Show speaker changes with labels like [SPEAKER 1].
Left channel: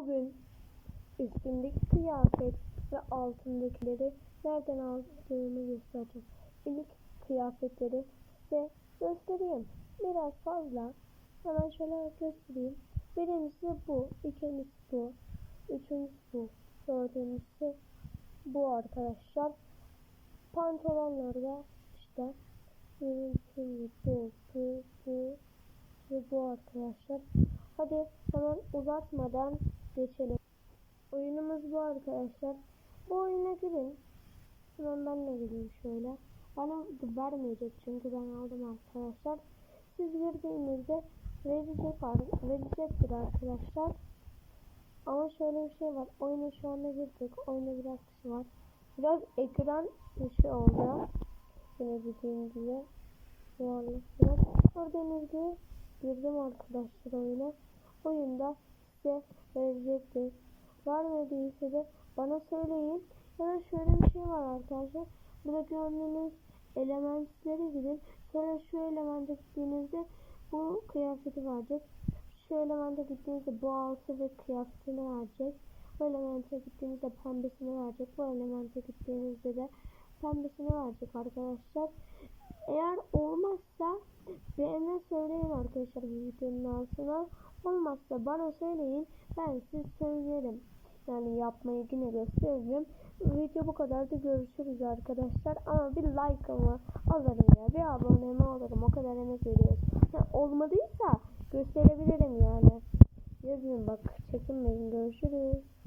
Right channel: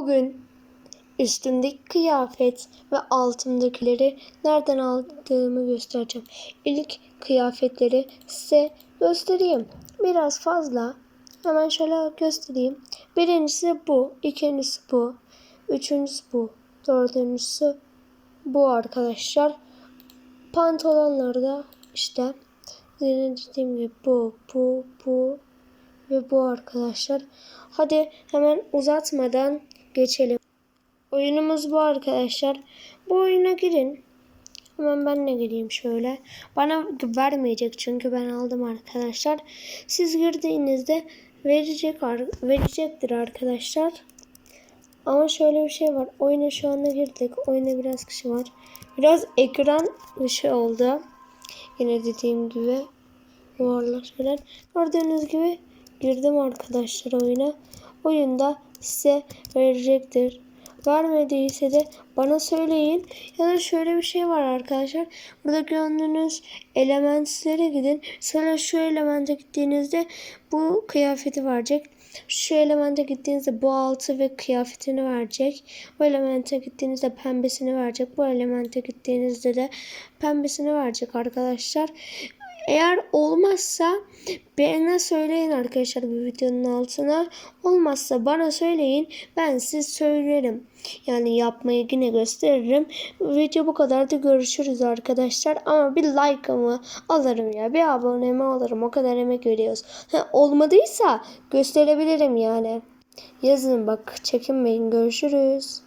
[SPEAKER 1] Bugün üstümdeki kıyafet ve altımdakileri nereden aldığımı göstereceğim. İlk kıyafetleri size göstereyim. Biraz fazla. Hemen şöyle göstereyim. Birincisi bu, ikincisi bu, üçüncüsü bu, dördüncüsü bu arkadaşlar. Pantolonlar da işte dediğim gibi bu, bu, bu bu arkadaşlar. Hadi hemen uzatmadan geçelim. Oyunumuz bu arkadaşlar. Bu oyuna girin. Hemen ben de gireyim şöyle. Bana vermeyecek çünkü ben aldım arkadaşlar. Siz girdiğinizde verecek verecektir arkadaşlar. Ama şöyle bir şey var. Oyuna şu anda girdik. Oyuna biraz kişi var. Biraz ekran dışı oldu. Yine dediğim gibi yuvarlak şeyler. Gördüğünüz gibi girdim arkadaşlar oyuna. Oyunda size verecektir. Vermediyse de bana söyleyin. Ya da şöyle bir şey var arkadaşlar. Burada gördüğünüz elementlere gidin. Sonra şu elemente gittiğinizde bu kıyafeti verecek. Şu elemente gittiğinizde bu altı ve kıyafetini verecek. Bu elemente gittiğinizde pembesini verecek. Bu elemente gittiğinizde de pembesini verecek arkadaşlar. Eğer olmazsa bana söyleyin arkadaşlar bu videonun altına. Olmazsa bana söyleyin. Ben size söylerim. Yani yapmayı yine gösteririm. Video bu kadar da görüşürüz arkadaşlar. Ama bir like'ımı alırım ya. Bir abonemi alırım. O kadar emek veriyoruz. Ha, olmadıysa gösterebilirim yani. Yazın bak çekinmeyin. Görüşürüz.